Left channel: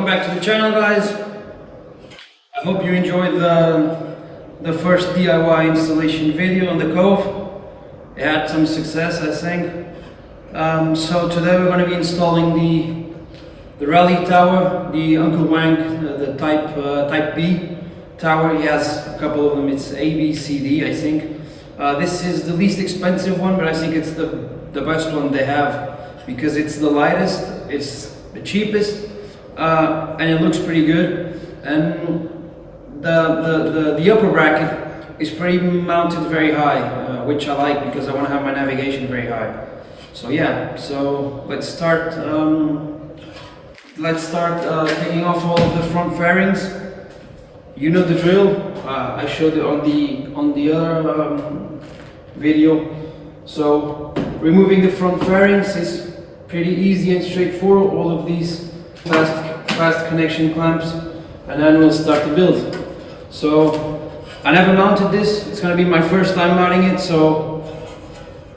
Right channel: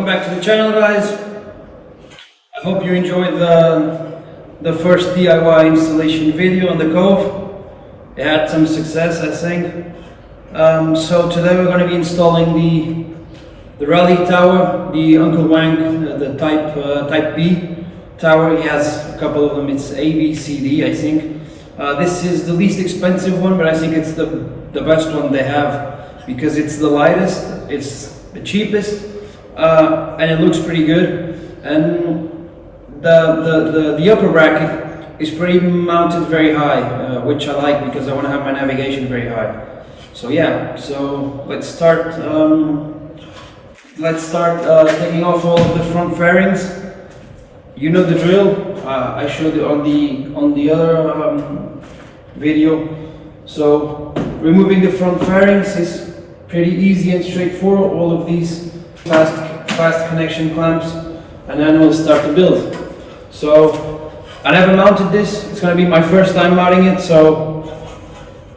Welcome back to the channel, guys. I hope you enjoyed the first DIY installation video on the KOVE. It had some success, I think. So today we're going to be installing the rally tower, the Uncle Wang, the type B tower. He has a couple of them. It's A, B, C, D, I think. This is the least expensive one, but I think it's the best one they have because it's the lightest, it's the cheapest, and it looks pretty good. And the upper bracket is pretty mounted very high, which I like because I want to have my navigation very high. So yeah, so let's start taking off all of the front fairings. You know the drill. I showed it on the other video. So removing the front fairings is pretty easy and straightforward. All of these fast connection clamps, and then we'll start the build. So I never mounted this. It's gonna be my first time mounting it, so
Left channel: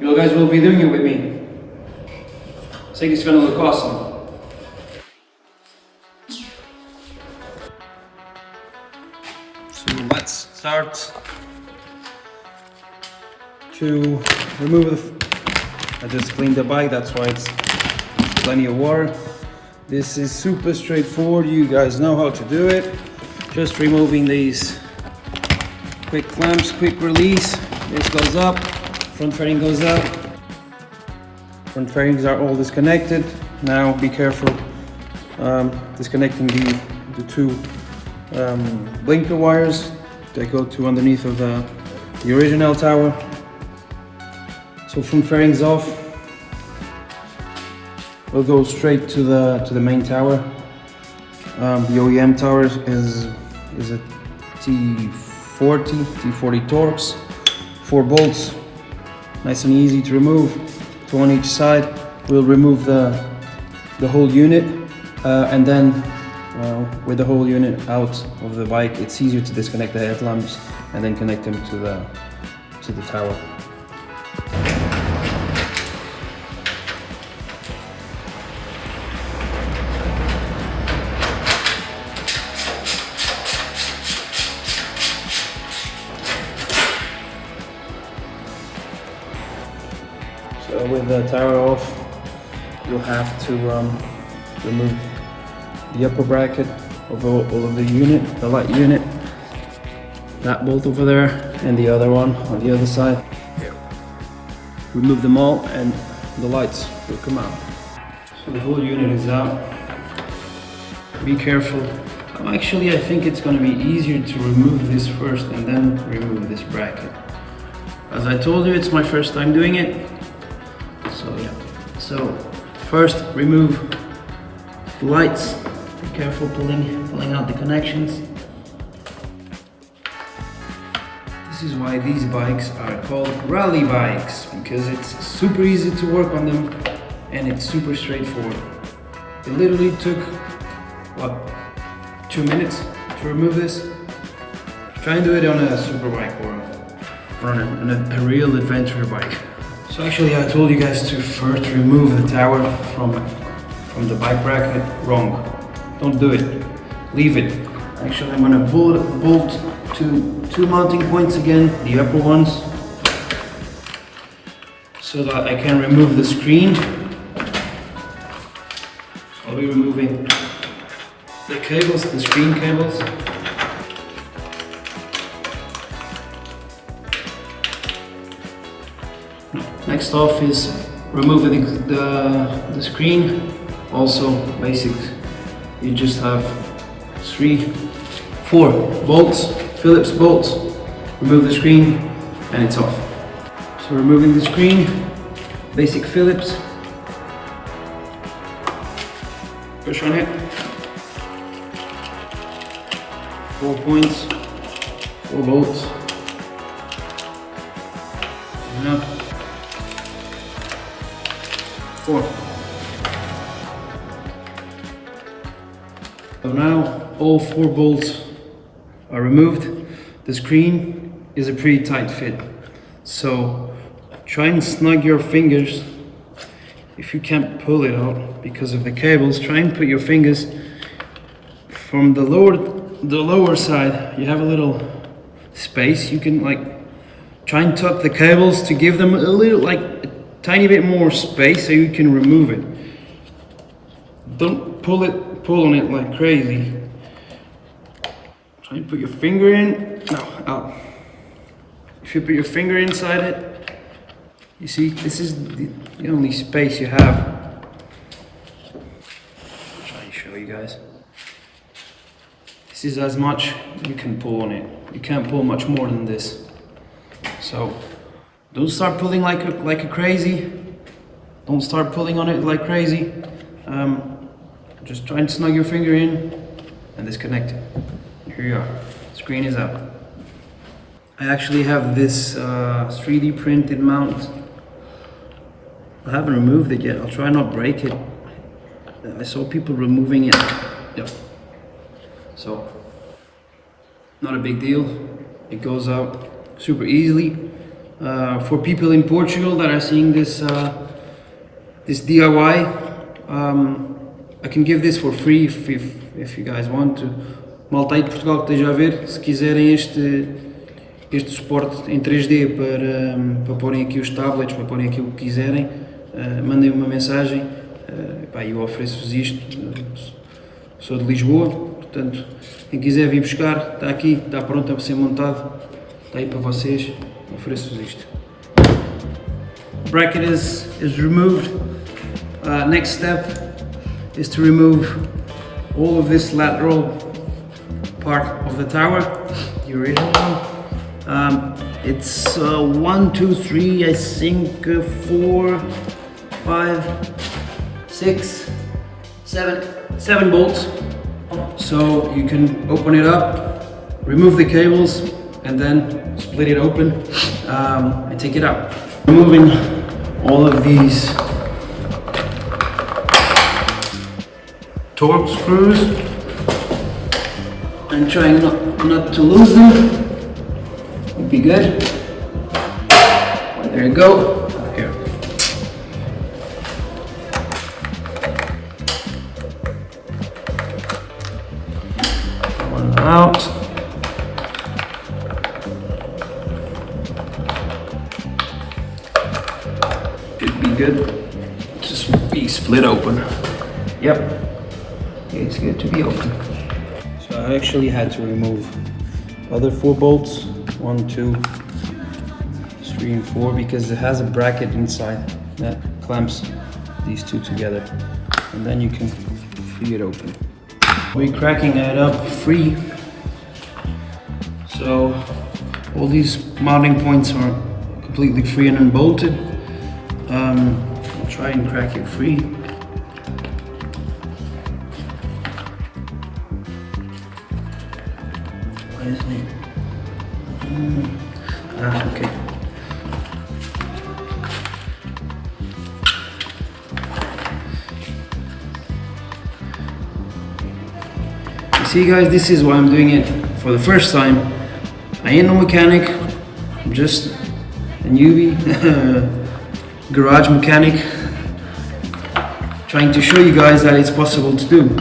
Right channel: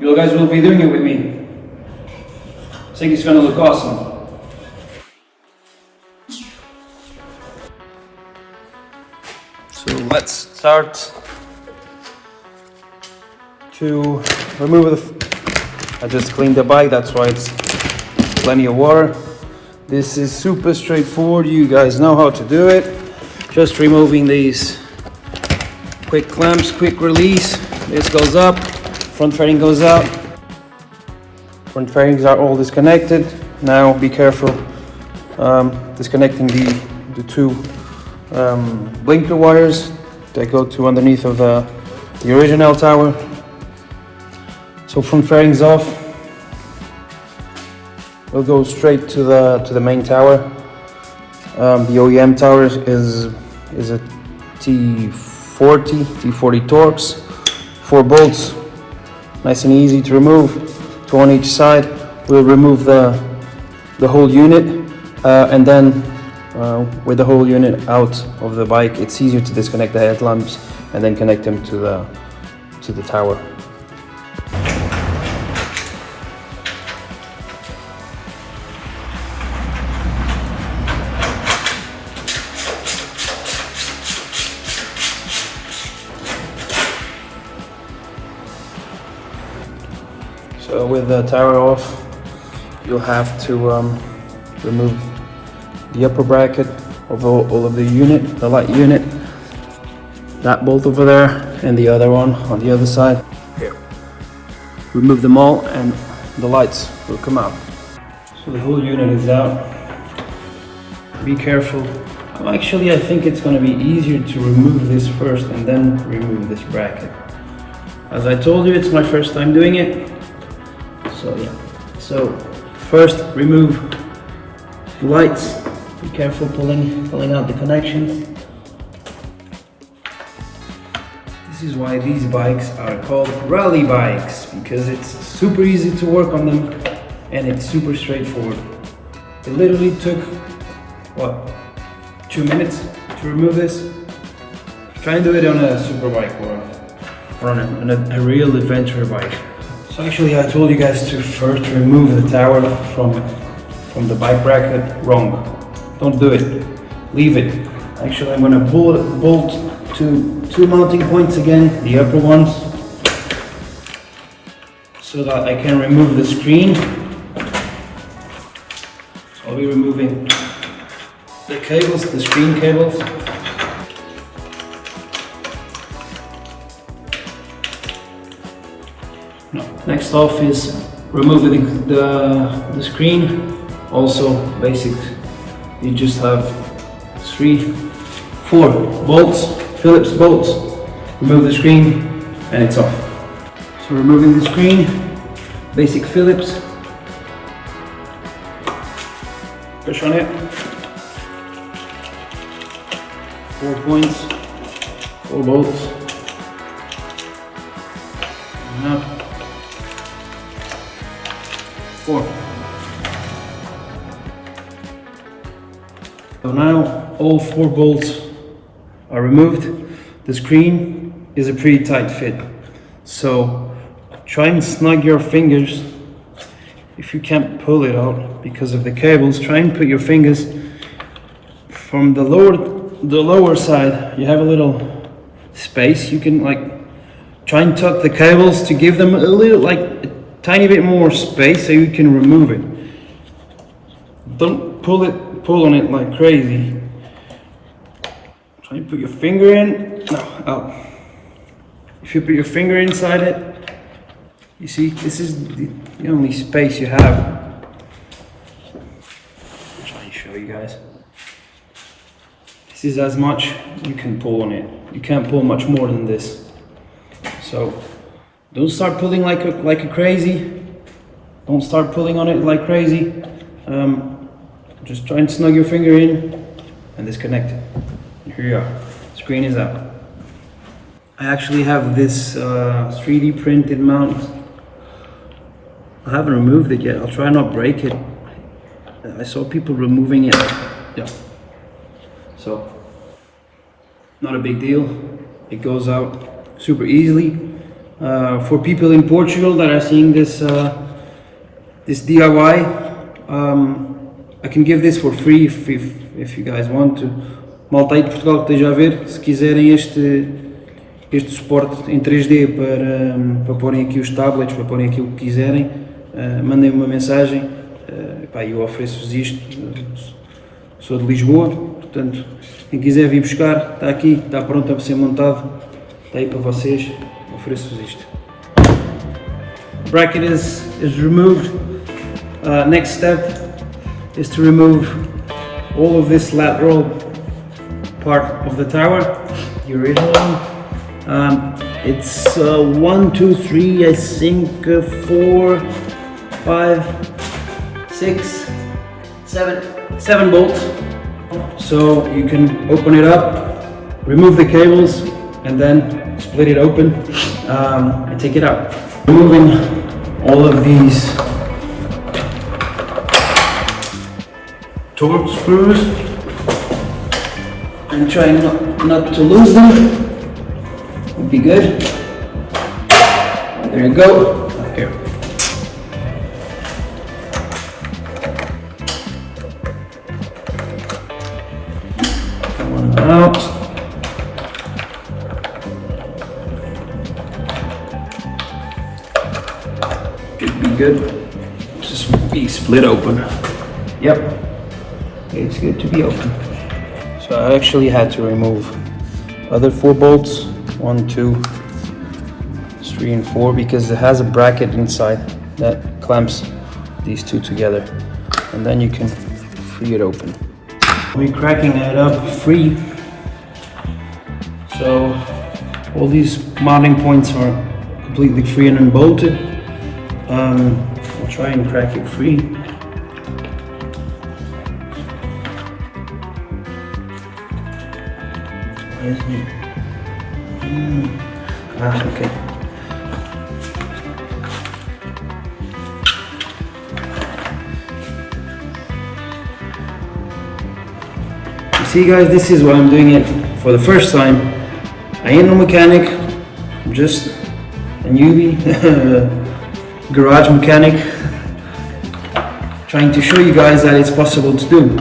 you guys will be doing it with me. I think it's gonna look awesome. So let's start to remove I just cleaned the bike, that's why it's plenty of water. This is super straightforward, you guys know how to do it. Just removing these quick clamps, quick release. This goes up, front fairing goes out. Front fairings are all disconnected. Now be careful disconnecting the two blinker wires that go to underneath of the original tower. So front fairings off. We'll go straight to the main tower. The OEM tower is a T40 Torx, 4 bolts, nice and easy to remove, 2 on each side. We'll remove the whole unit, and then with the whole unit out of the bike, it's easier to disconnect the headlamps and then connect them to the tower. So with the tower off, you'll have to remove the upper bracket of all of the unit, the light unit, that bolt over there, and the other one on the other side. Remove them all and the lights will come out. So the whole unit is out. Be careful. Actually, I think it's going to be easier to remove this first and then remove this bracket. As I told you, it's my first time doing it. So yeah, so first remove the lights. Be careful pulling out the connections. This is why these bikes are called rally bikes, because it's super easy to work on them and it's super straightforward. It literally took, what, 2 minutes to remove this. Try and do it on a super bike or on a real adventure bike. So actually I told you guys to first remove the tower from the bike bracket. Wrong. Don't do it. Leave it. Actually I'm going to bolt two mounting points again, the upper ones, so that I can remove the screen. So I'll be removing the cables, the screen cables. Next off is removing the screen. Also basic, you just have 4 bolts, Phillips bolts. Remove the screen and it's off. So removing the screen, basic Phillips. Push on it. 4 points, 4 bolts. And up. 4. So now all 4 bolts are removed. The screen is a pretty tight fit, so try and snug your fingers. If you can't pull it out because of the cables, try and put your fingers from the lower side, you have a little space. You can like try and tuck the cables to give them a little, like a tiny bit more space so you can remove it. Don't pull on it like crazy. Try and put your finger in. No, out. If you put your finger inside it, you see, this is the only space you have. I'll try and show you guys. This is as much you can pull on it. You can't pull much more than this. So don't start pulling like a crazy. Don't start pulling on it like crazy. Just try and snug your finger in and disconnect it. And here you are. Screen is out. I actually have this 3D printed mount. I haven't removed it yet. I'll try not break it. I saw people removing it. Yeah. So, not a big deal. It goes out super easily. For people in Portugal that are seeing this this DIY, I can give this for free if you guys want to. Malta aí de Portugal que esteja a ver, se quiserem este suporte em 3D para porem aqui os tablets, para porem aqui o que quiserem, mandem-me uma mensagem. Eu ofereço-vos isto. Sou de Lisboa, portanto, quem quiser vir buscar, está aqui, está pronto a ser montado, está aí para vocês, ofereço-vos isto. Bracket is removed. Next step is to remove all of this lateral part of the tower, the original one. It's 1, 2, 3, I think 4, 5, 6, 7 bolts. So you can open it up, remove the cables, and then split it open and take it out. Removing all of these torque screws and trying not to lose them would be good. There you go. Here. One out. Should be good. Just be split open. Yep. It's good to be open. So I actually had to remove other 4 bolts, 1, 2, 3 and 4, because it has a bracket inside that clamps these two together, and then you can free it open. We're cracking it up free, so all these mounting points are completely free and unbolted. I'll try and crack it free. Okay. You see guys, this is why I'm doing it for the first time. I ain't no mechanic, I'm just a newbie, garage mechanic, trying to show you guys that it's possible to do.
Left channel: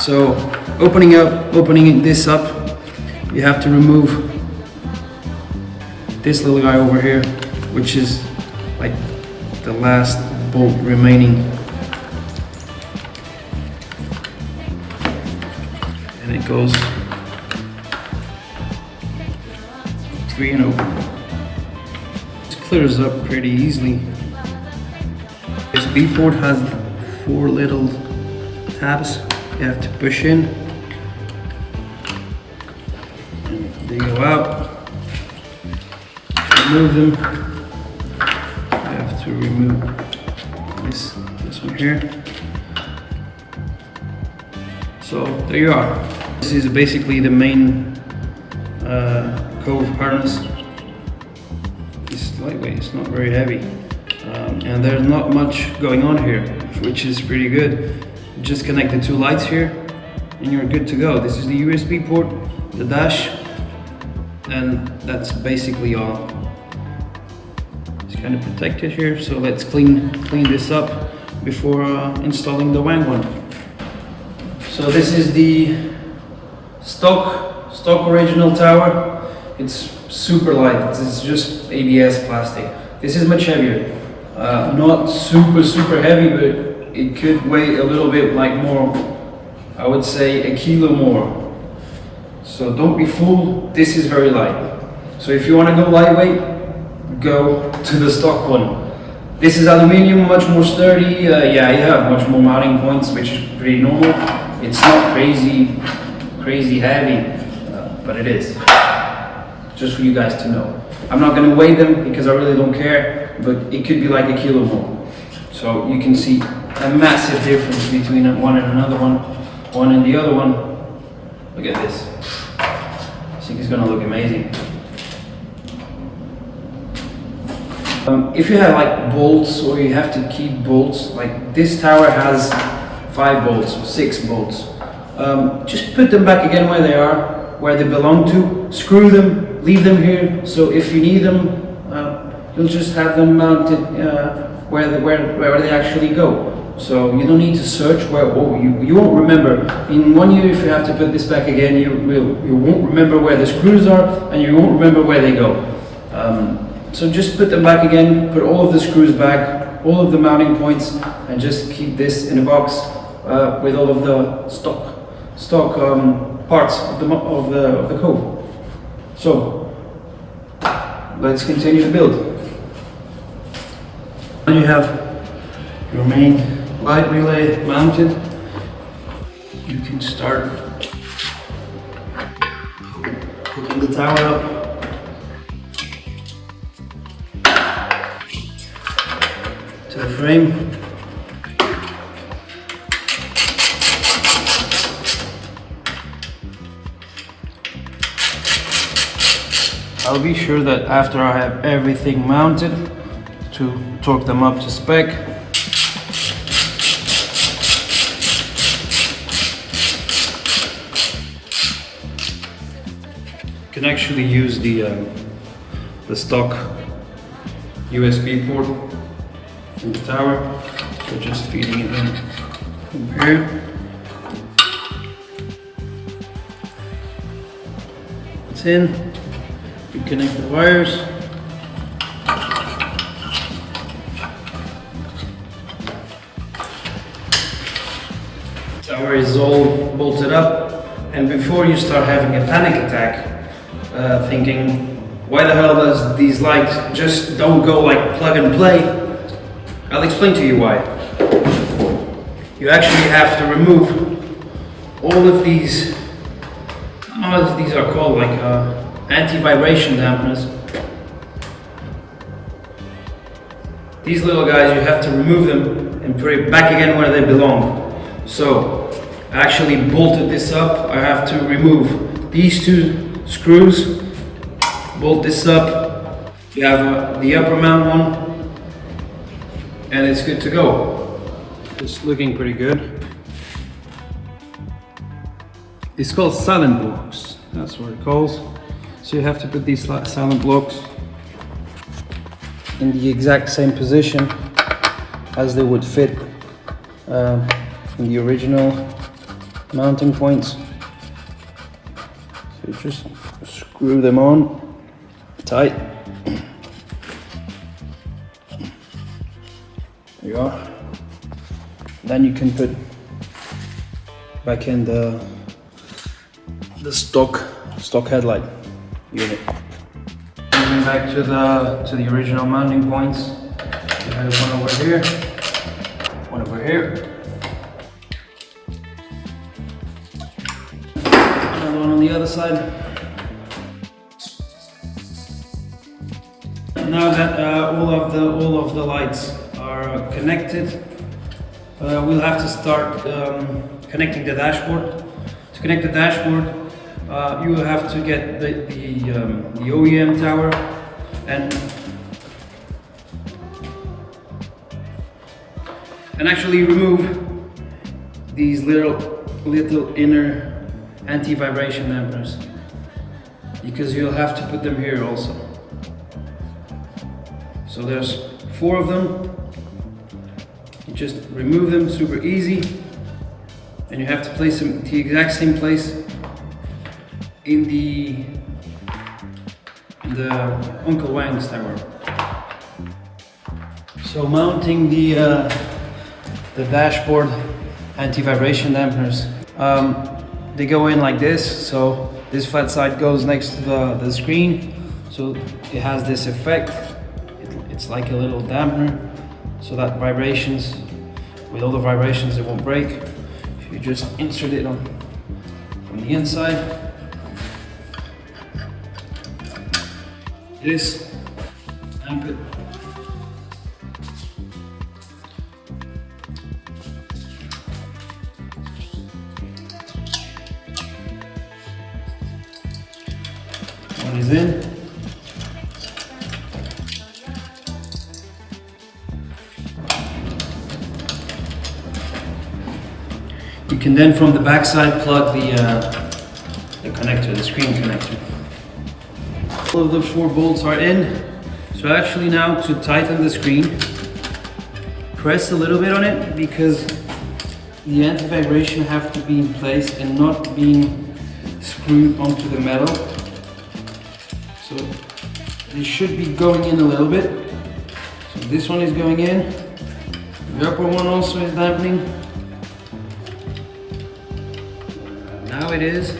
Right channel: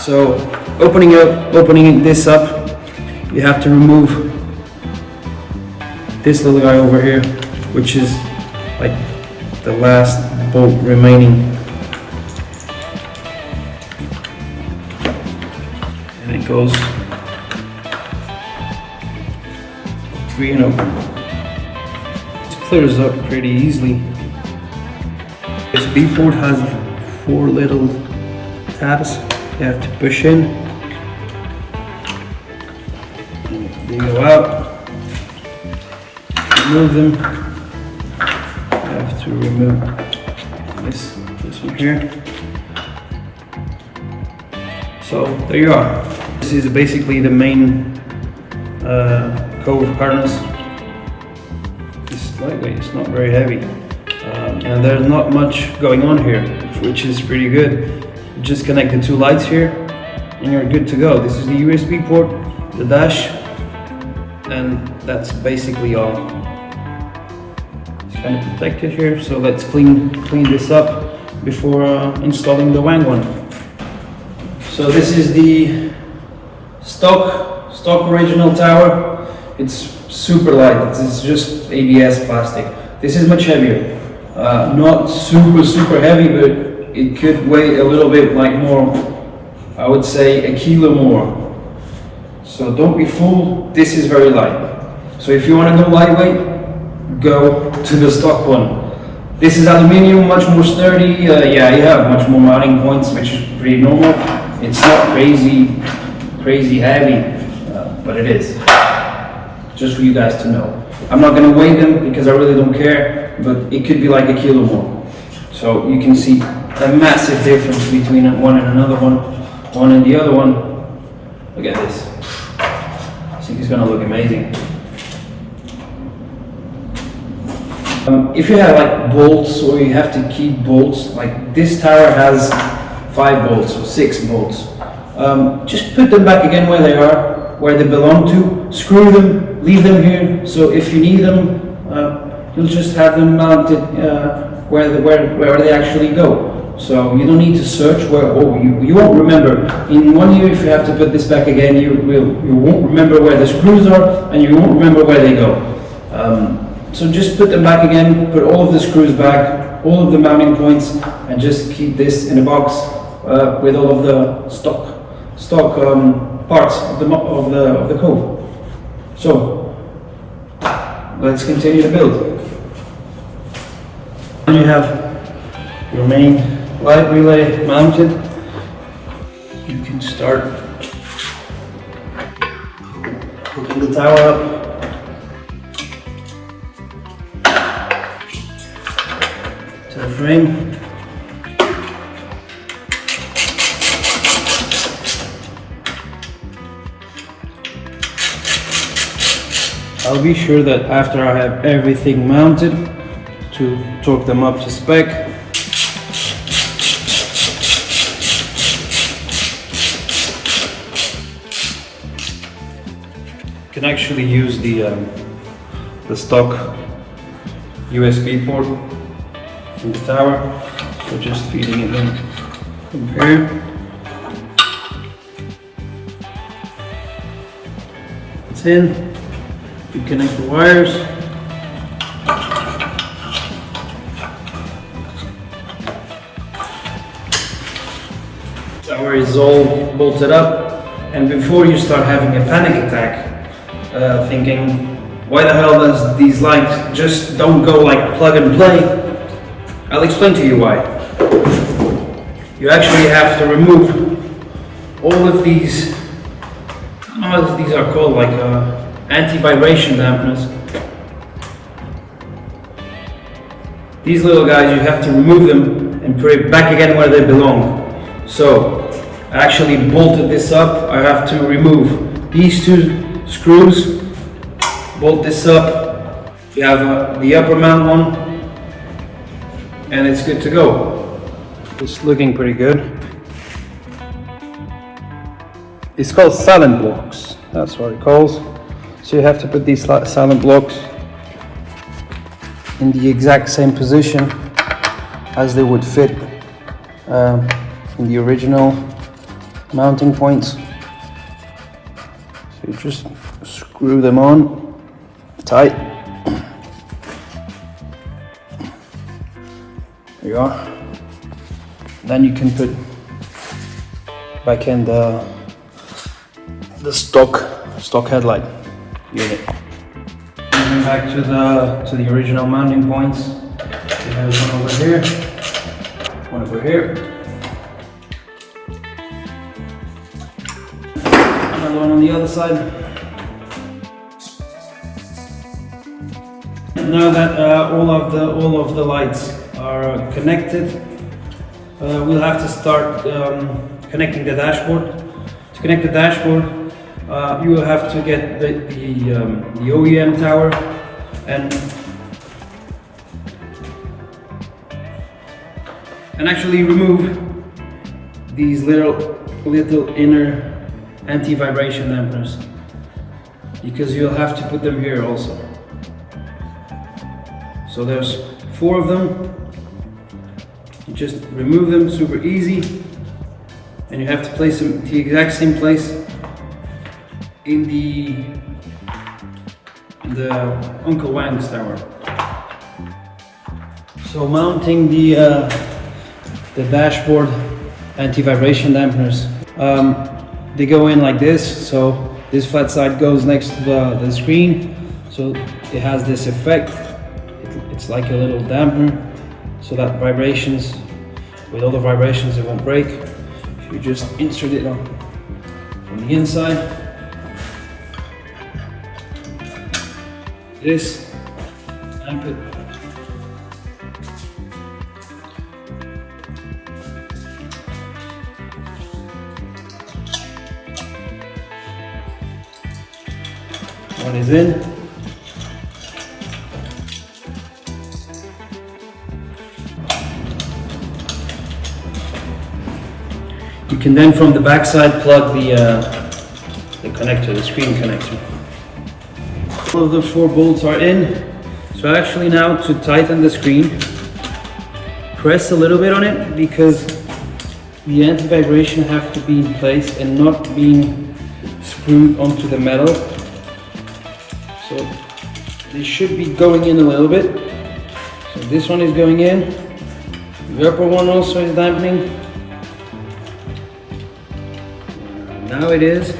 So opening this up, you have to remove this little guy over here, which is like the last bolt remaining, and it goes free and open. It clears up pretty easily. This B port has 4 little tabs you have to push in. They go out. Remove them. I have to remove this one here. So there you are. This is basically the main KOVE harness. It's lightweight, it's not very heavy, and there's not much going on here, which is pretty good. Just connect the 2 lights here and you're good to go. This is the USB port, the dash, and that's basically all. It's kind of protected here, so let's clean this up before installing the Wang one. So this is the stock original tower. It's super light, it's just ABS plastic. This is much heavier. Not super heavy, but it could weigh a little bit like more, I would say a kilo more. So don't be fooled, this is very light. So if you want to go lightweight, go to the stock one. This is aluminium, much more sturdy. Yeah, you have much more mounting points, which is pretty normal. It's not crazy heavy, but it is. Just for you guys to know. I'm not going to weigh them because I really don't care, but it could be like a kilo more. So you can see a massive difference between one and another one and the other one. Look at this. I think it's going to look amazing. If you have like bolts, or you have to keep bolts, like this tower has 5 bolts or 6 bolts. Just put them back again where they are, where they belong to. Screw them, leave them here. So if you need them, you'll just have them mounted where they actually go. So you don't need to search where. Oh, you won't remember. In 1 year, if you have to put this back again, you won't remember where the screws are, and you won't remember where they go. So just put them back again, put all of the screws back, all of the mounting points, and just keep this in a box with all of the stock parts of the KOVE. So let's continue to build. Then you have your main light relay mounted. You can start hooking the tower up. To the frame. I'll be sure that after I have everything mounted to torque them up to spec. You can actually use the stock USB port in the tower, so just feeding it in from here. It's in. You connect the wires. Tower is all bolted up, and before you start having a panic attack, thinking, why the hell does these lights just don't go like plug and play? I'll explain to you why. You actually have to remove all of these, I don't know what these are called, like anti-vibration dampeners. These little guys, you have to remove them and put it back again where they belong. So I actually bolted this up. I have to remove these 2 screws, bolt this up. You have the upper mount one, and it's good to go. It's looking pretty good. It's called silent blocks. That's what it calls. So you have to put these silent blocks in the exact same position as they would fit in the original mounting points. So you just screw them on tight. There you are. Then you can put back in the stock headlight unit. And back to the original mounting points. There's one over here, one over here, another one on the other side. Now that all of the lights are connected, we'll have to start connecting the dashboard. To connect the dashboard, you will have to get the OEM tower and actually remove these little inner anti-vibration dampeners, because you'll have to put them here also. So there's 4 of them. You just remove them, super easy. and you have to place them the exact same place in the Uncle Wang's tower. So mounting the dashboard anti-vibration dampeners, they go in like this. So this flat side goes next to the screen, so it has this effect. It's like a little dampener, so that vibrations, with all the vibrations, it won't break. You just insert it on from the inside. This and put one is in. You can then from the back side plug the connector, the screen connector. All of the 4 bolts are in. So actually now to tighten the screen, press a little bit on it because the anti-vibration have to be in place and not being screwed onto the metal. So they should be going in a little bit. So this one is going in. The upper one also is dampening. Now it is.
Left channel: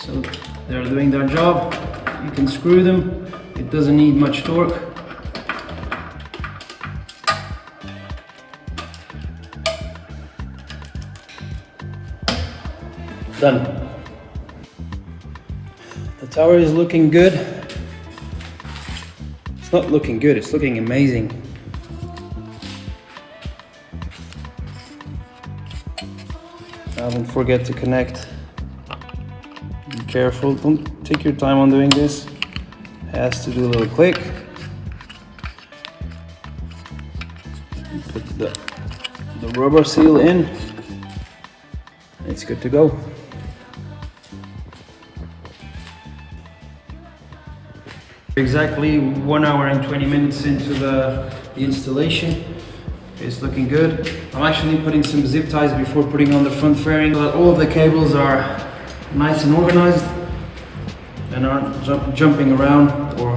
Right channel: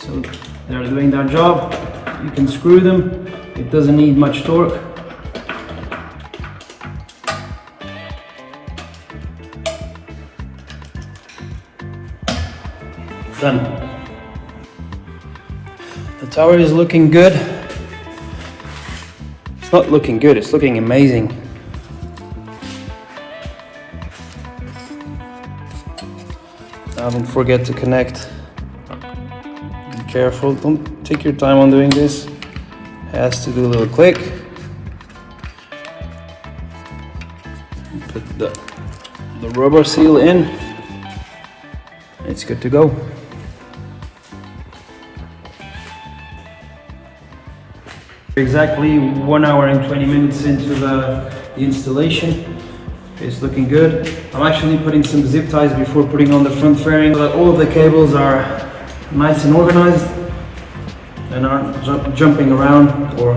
So they're doing their job. You can screw them. It doesn't need much torque. Done. The tower is looking good. It's not looking good, it's looking amazing. Now don't forget to connect. Be careful, don't take your time on doing this. It has to do a little click. Put the rubber seal in. It's good to go. Exactly 1 hour and 20 minutes into the installation. It's looking good. I'm actually putting some zip ties before putting on the front fairing so that all of the cables are nice and organized and aren't jumping around, or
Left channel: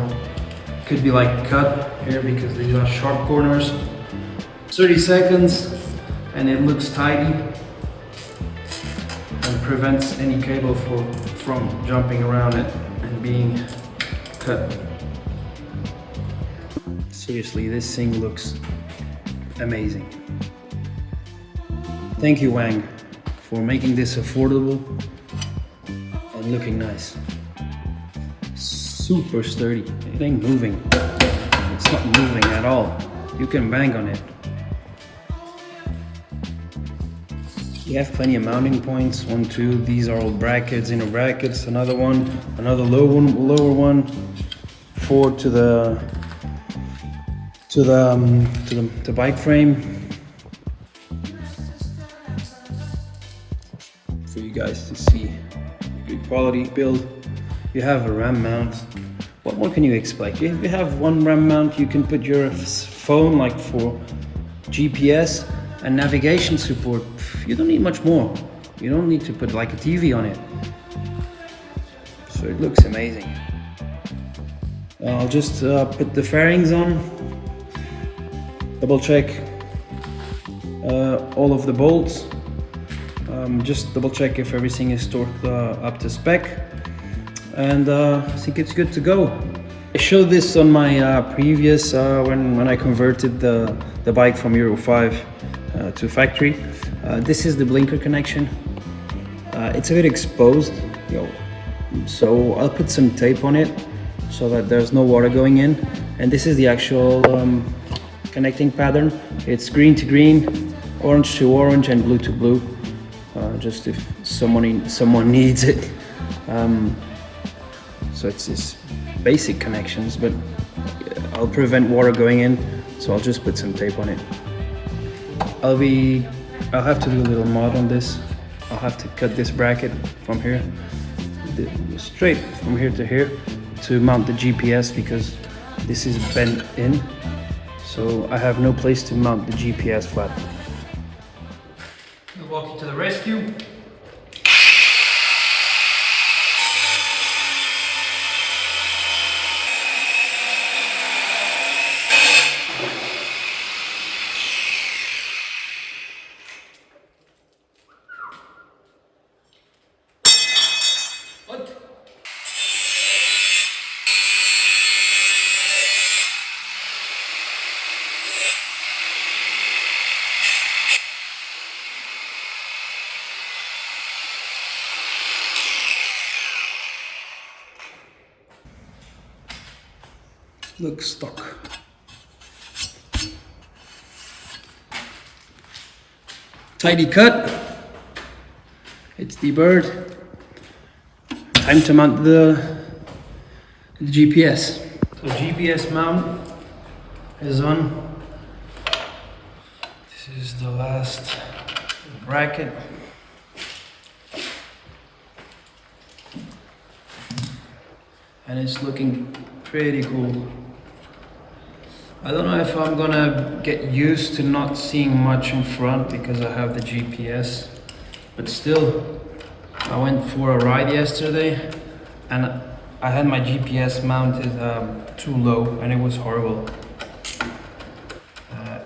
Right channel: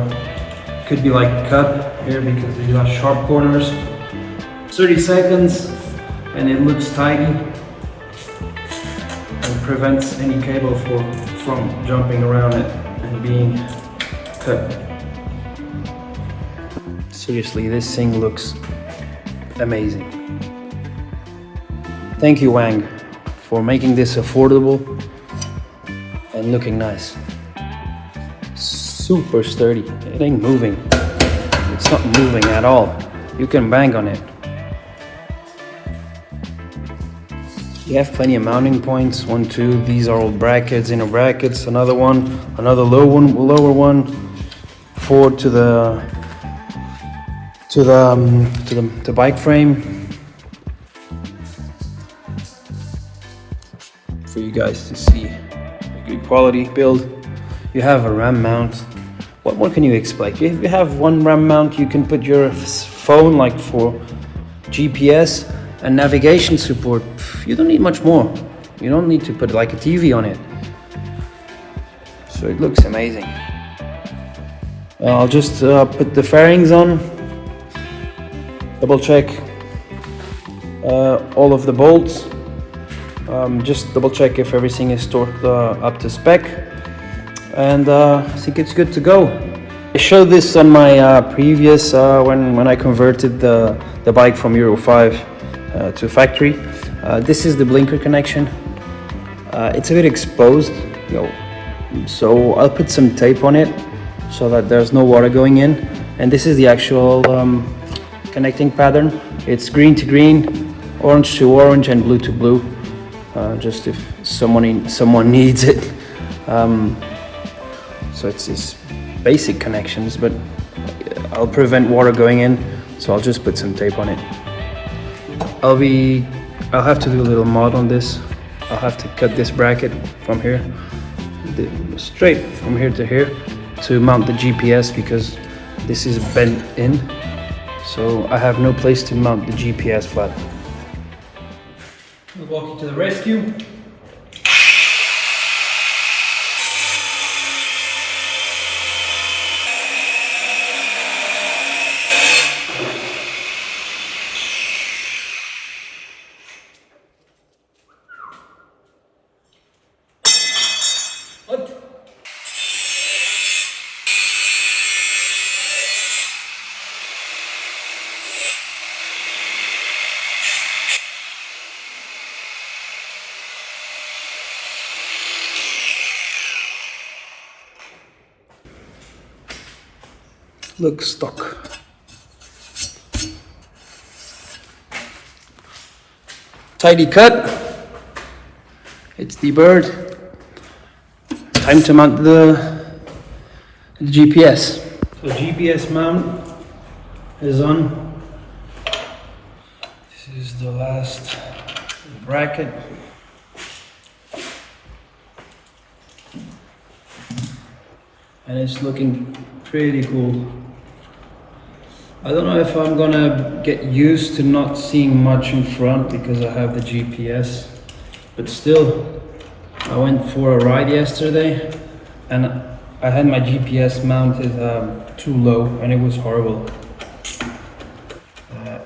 could be like cut here because these are sharp corners. 30 seconds and it looks tidy and prevents any cable from jumping around it and being cut. Seriously, this thing looks amazing. Thank you, Wang, for making this affordable and looking nice. Super sturdy. It ain't moving. It's not moving at all. You can bang on it. You have plenty of mounting points. 1, 2. These are all brackets, inner brackets. Another one, another lower one. 4 to the bike frame for you guys to see. Good quality build. You have a RAM mount. What more can you expect? If you have one RAM mount, you can put your phone, like for GPS and navigation support. You don't need much more. You don't need to put like a TV on it. So it looks amazing. I'll just put the fairings on. Double check all of the bolts. Just double check if everything is torqued up to spec, and I think it's good to go. I showed this on my previous when I converted the bike from Euro 5 to factory. This is the blinker connection. It's a bit exposed, so I'll put some tape on it so that there's no water going in. And this is the actual connecting pattern. It's green to green, orange to orange, and blue to blue. Just if someone needs it. So it's basic connections, but I'll prevent water going in, so I'll just put some tape on it. I'll have to do a little mod on this. I'll have to cut this bracket from here, straight from here to here, to mount the GPS, because this is bent in. so I have no place to mount the GPS flat. I'll walk you to the rescue. What? Looks stuck. Tidy cut. It's the bird. Time to mount the GPS. So GPS mount is on. This is the last bracket. And it's looking pretty cool. I don't know if I'm gonna get used to not seeing much in front because I have the GPS, but still, I went for a ride yesterday and I had my GPS mounted too low and it was horrible.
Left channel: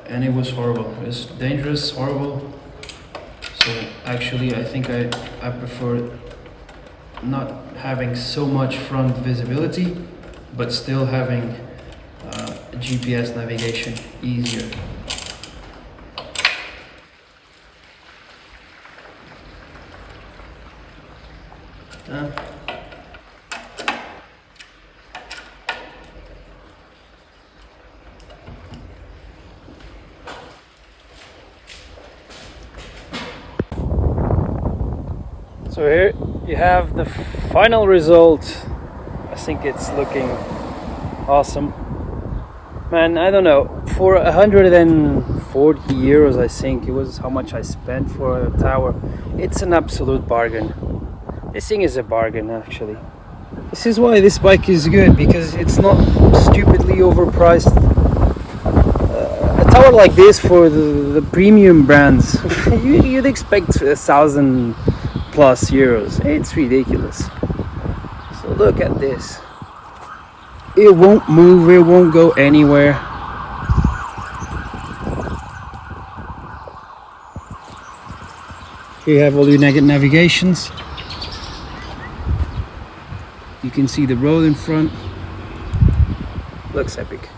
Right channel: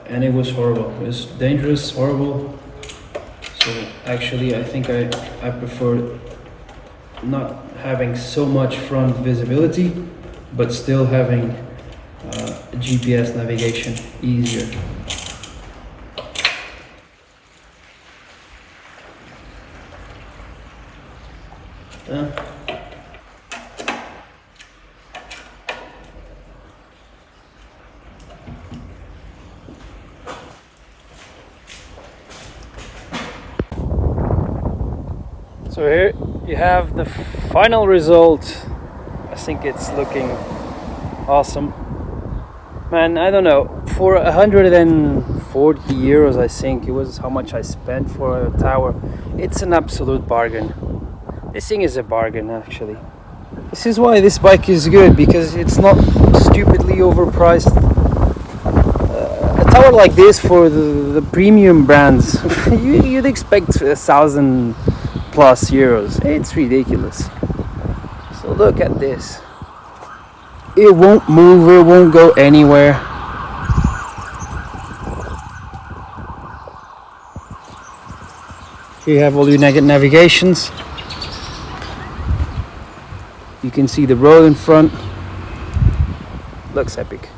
It was dangerous, horrible. So actually I think I prefer not having so much front visibility, but still having GPS navigation easier. So here you have the final result. I think it's looking awesome. Man, I don't know, for 140 euros I think it was how much I spent for a tower. It's an absolute bargain. This thing is a bargain actually. This is why this bike is good, because it's not stupidly overpriced. A tower like this for the premium brands, you'd expect 1,000 plus euros. It's ridiculous. So look at this. It won't move, it won't go anywhere. Here you have all your navigations. You can see the road in front. Looks epic.